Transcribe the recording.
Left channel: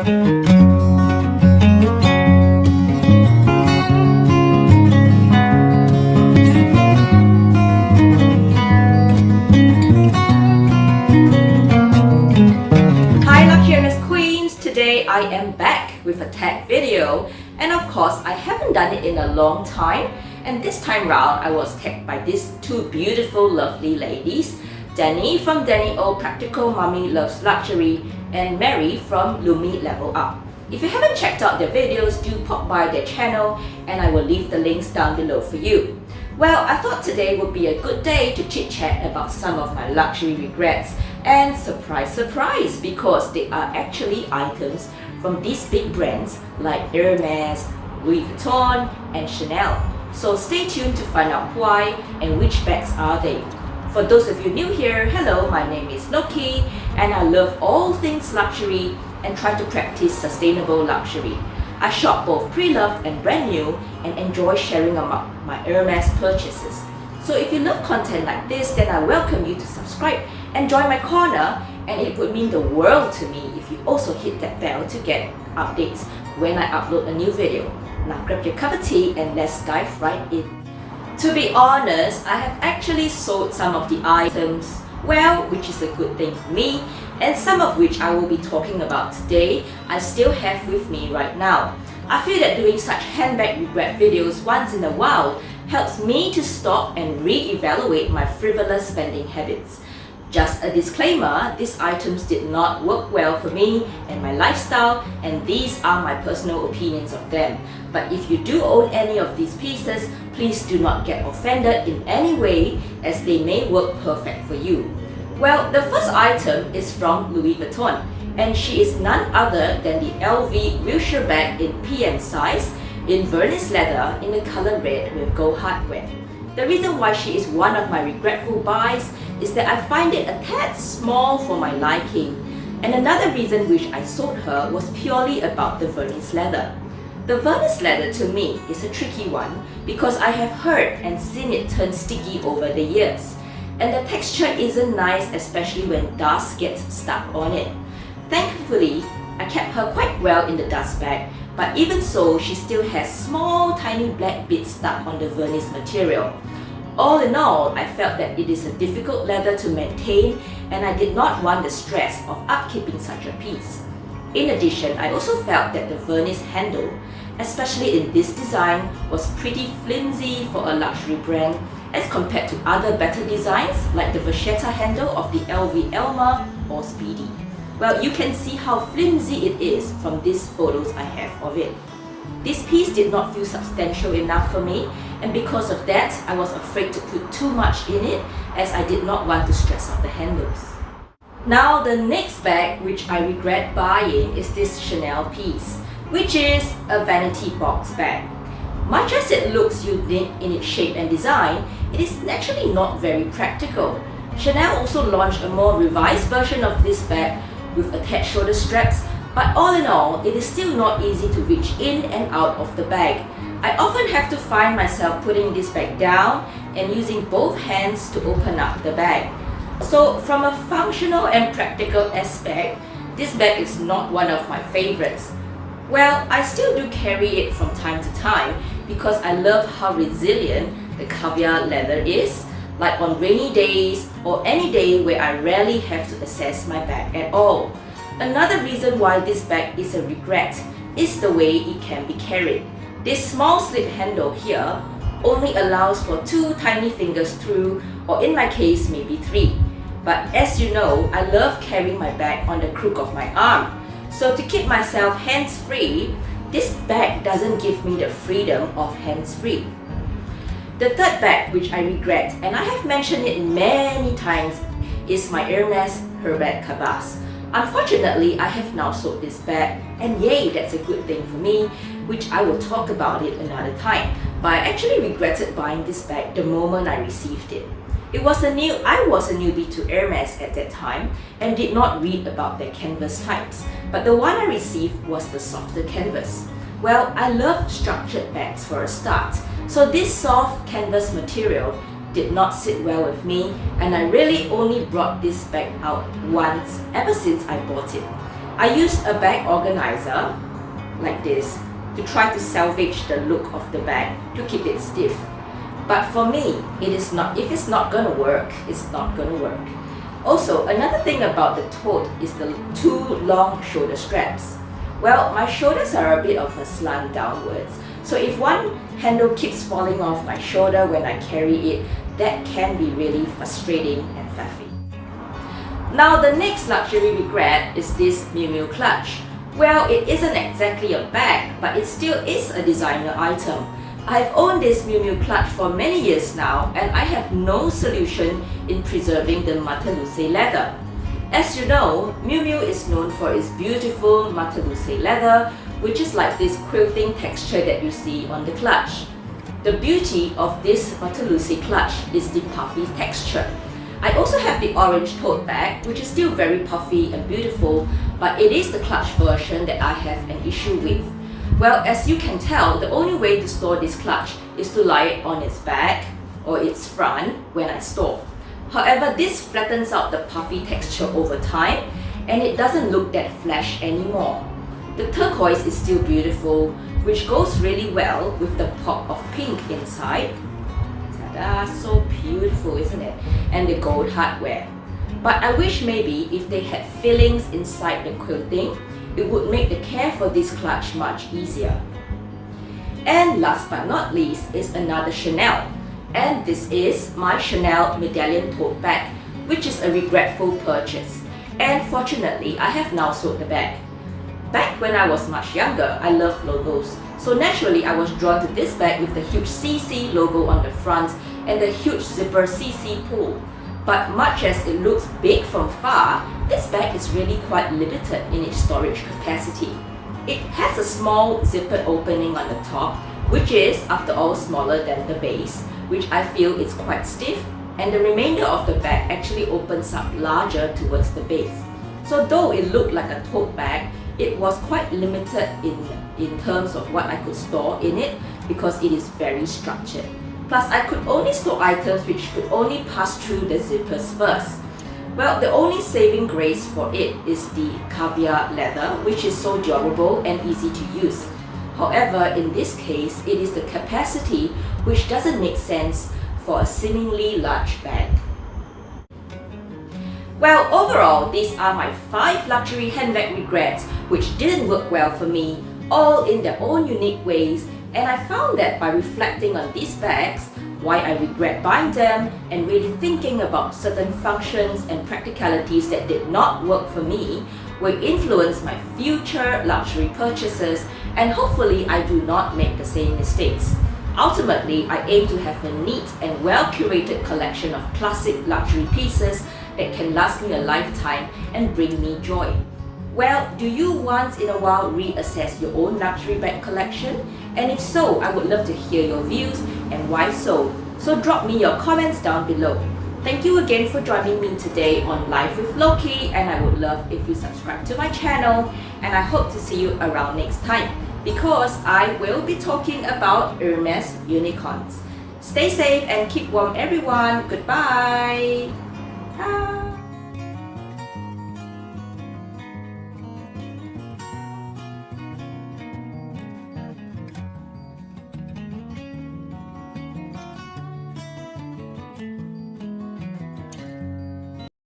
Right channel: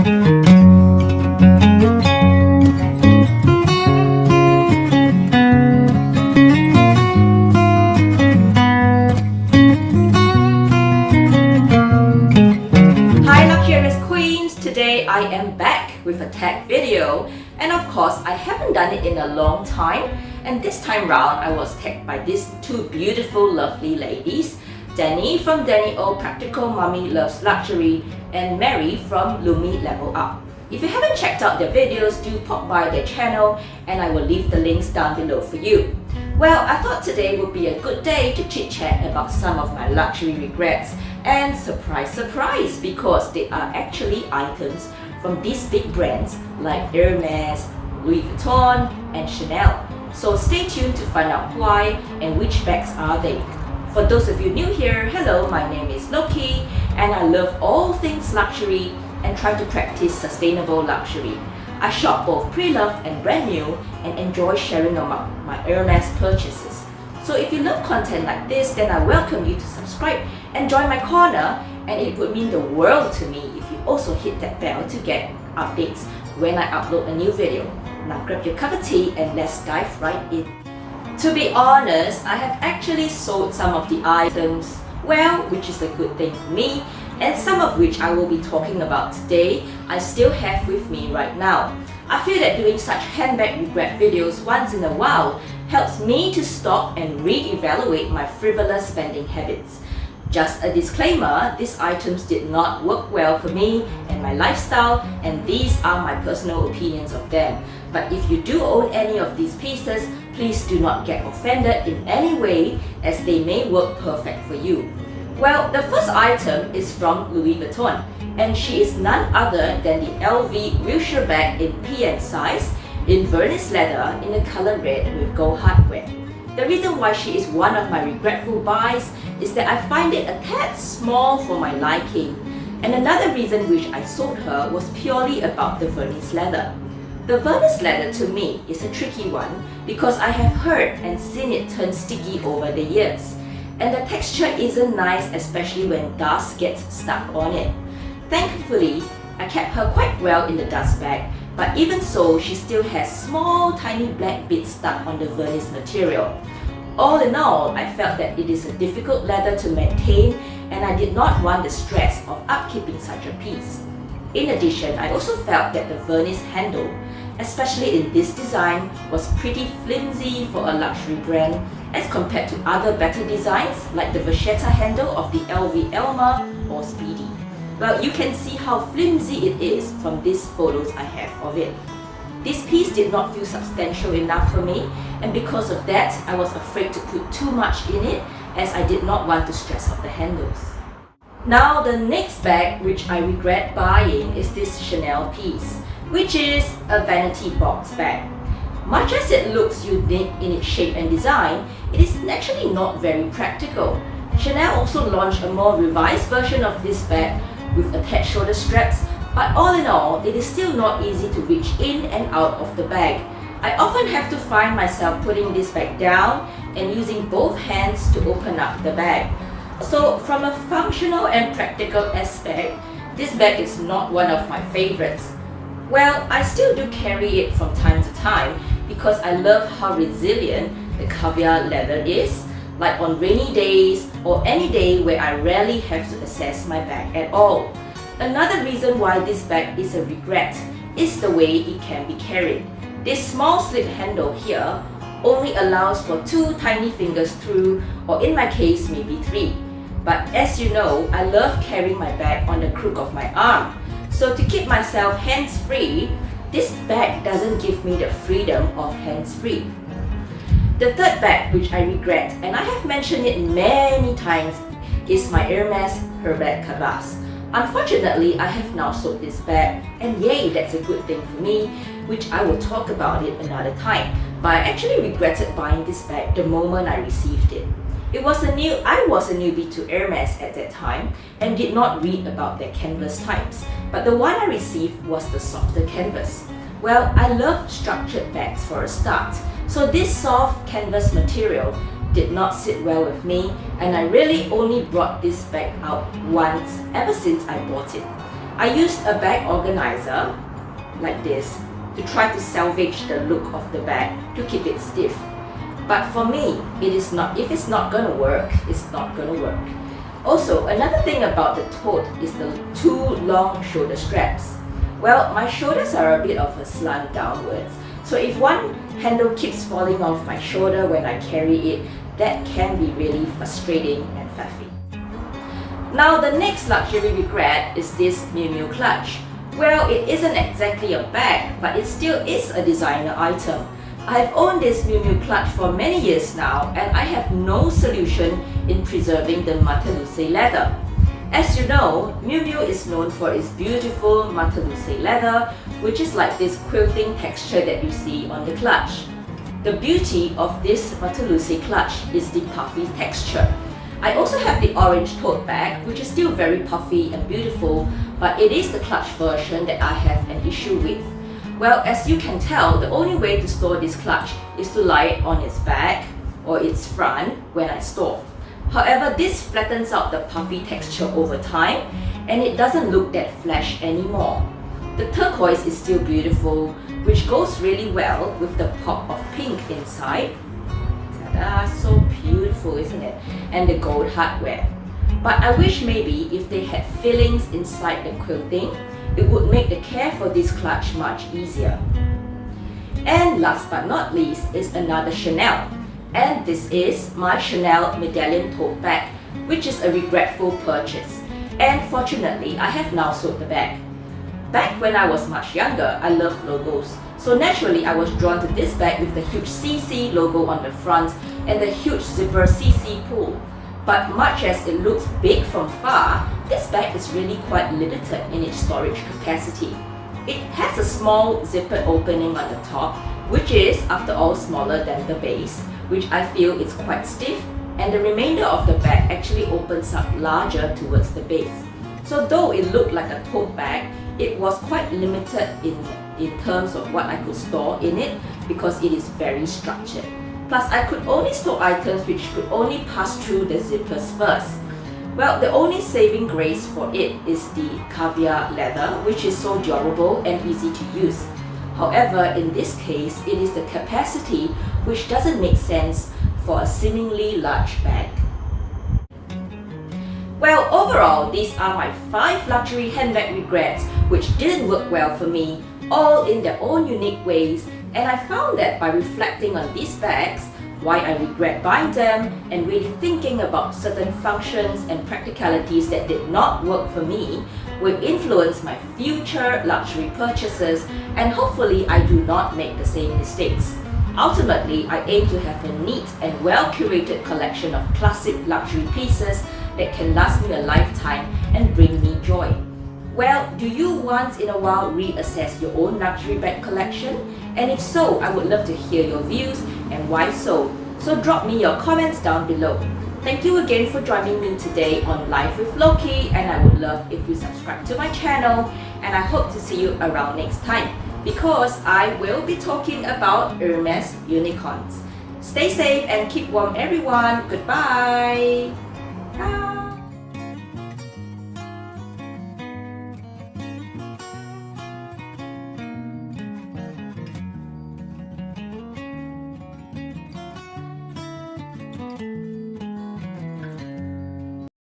Hi luxurious queens! Today I am back with a tag video, and of course I haven't done it in a long time, and this time round I was tagged by these two beautiful lovely ladies, Danny from Danny O Practical Mommy Loves Luxury and Mary from Lumi Level Up. If you haven't checked out their videos, do pop by their channel and I will leave the links down below for you. Well, I thought today would be a good day to chit chat about some of my luxury regrets, and surprise surprise, because they are actually items from these big brands like Hermes, Louis Vuitton and Chanel. So stay tuned to find out why and which bags are they. For those of you new here, hello, my name is Lokie and I love all things luxury and try to practice sustainable luxury. I shop both pre-loved and brand new and enjoy sharing about my Hermes purchases. So if you love content like this, then I welcome you to subscribe and join my corner, and it would mean the world to me if you also hit that bell to get updates when I upload a new video. Now grab your cup of tea and let's dive right in. To be honest, I have actually sold some of the items, well, which is a good thing for me, and some of which I will be talking about today, I still have with me right now. I feel that doing such handbag regret videos once in a while helps me to stop and re-evaluate my frivolous spending habits. Just a disclaimer, these items did not work well for me and my lifestyle, and these are my personal opinions of them. But if you do own any of these pieces, please do not get offended in any way, as they may work perfect for you. Well, the first item is from Louis Vuitton, and she is none other than the LV Luxury bag in PM size, in Venice leather in the color red with gold hardware. The reason why she is one of my regretful buys is that I find it a tad small for my liking. And another reason which I sold her was purely about the Venice leather. The Venice leather to me is a tricky one because I have heard and seen it turn sticky over the years. And the texture isn't nice, especially when dust gets stuck on it. Thankfully, I kept her quite well in the dust bag, but even so, she still has small tiny black bits stuck on the Venice material. All in all, I felt that it is a difficult leather to maintain and I did not want the stress of upkeeping such a piece. In addition, I also felt that the Venice handle, especially in this design, was pretty flimsy for a luxury brand as compared to other better designs like the Vachetta handle of the LV Elma or Speedy. Well, you can see how flimsy it is from these photos I have of it. This piece did not feel substantial enough for me, and because of that, I was afraid to put too much in it as I did not want to stress out the handles. Now, the next bag which I regret buying is this Chanel piece, which is a vanity box bag. Much as it looks unique in its shape and design, it is actually not very practical. Chanel also launched a more revised version of this bag with attached shoulder straps, but all in all, it is still not easy to reach in and out of the bag. I often have to find myself putting this bag down and using both hands to open up the bag. So from a functional and practical aspect, this bag is not one of my favorites. Well, I still do carry it from time to time because I love how resilient the caviar leather is, like on rainy days or any day where I rarely have to access my bag at all. Another reason why this bag is a regret is the way it can be carried. This small slip handle here only allows for 2 tiny fingers through, or in my case maybe 3. But as you know, I love carrying my bag on the crook of my arm. So to keep myself hands-free, this bag doesn't give me the freedom of hands-free. The third bag which I regret, and I have mentioned it many times, is my Hermes Herbert Cabas. Unfortunately, I have now sold this bag, and yay, that's a good thing for me, which I will talk about it another time. But I actually regretted buying this bag the moment I received it. I was a newbie to Hermes at that time and did not read about their canvas types, but the one I received was the softer canvas. Well, I love structured bags for a start, so this soft canvas material did not sit well with me, and I really only brought this bag out once ever since I bought it. I used a bag organizer like this to try to salvage the look of the bag to keep it stiff. But for me, if it's not gonna work, it's not gonna work. Also, another thing about the tote is the two long shoulder straps. Well, my shoulders are a bit of a slant downwards, so if one handle keeps falling off my shoulder when I carry it, that can be really frustrating and faffy. Now the next luxury regret is this Mule clutch. Well, it isn't exactly a bag, but it still is a designer item. I've owned this Mule clutch for many years now, and I have no solution in preserving the Matalusse leather. As you know, Mule is known for its beautiful Matalusse leather, which is like this quilting texture that you see on the clutch. The beauty of this Matalusse clutch is the puffy texture. I also have the orange tote bag, which is still very puffy and beautiful, but it is the clutch version that I have an issue with. Well, as you can tell, the only way to store this clutch is to lie it on its back or its front when I store. However, this flattens out the puffy texture over time and it doesn't look that flash anymore. The turquoise is still beautiful, which goes really well with the pop of pink inside. Ta-da, so beautiful, isn't it? And the gold hardware. But I wish maybe if they had fillings inside the quilting, it would make the care for this clutch much easier. And last but not least is another Chanel. And this is my Chanel Medallion tote bag, which is a regretful purchase. And fortunately, I have now sold the bag. Back when I was much younger, I loved logos. So naturally, I was drawn to this bag with the huge CC logo on the front and the huge zipper CC pull. But much as it looks big from far, this bag is really quite limited in its storage capacity. It has a small zipper opening on the top, which is, after all, smaller than the base, which I feel is quite stiff, and the remainder of the bag actually opens up larger towards the base. So though it looked like a tote bag, it was quite limited in terms of what I could store in it because it is very structured. Plus, I could only store items which could only pass through the zippers first. Well, the only saving grace for it is the caviar leather, which is so durable and easy to use. However, in this case, it is the capacity which doesn't make sense for a seemingly large bag. Well, overall, these are my 5 luxury handbag regrets which didn't work well for me, all in their own unique ways, and I found that by reflecting on these bags, why I regret buying them, and really thinking about certain functions and practicalities that did not work for me, will influence my future luxury purchases, and hopefully I do not make the same mistakes. Ultimately, I aim to have a neat and well-curated collection of classic luxury pieces that can last me a lifetime and bring me joy. Well, do you once in a while reassess your own luxury bag collection? And if so, I would love to hear your views and why so. So drop me your comments down below. Thank you again for joining me today on Live with Lokie, and I would love if you subscribe to my channel, and I hope to see you around next time because I will be talking about Hermes unicorns. Stay safe and keep warm everyone. Goodbye. Bye.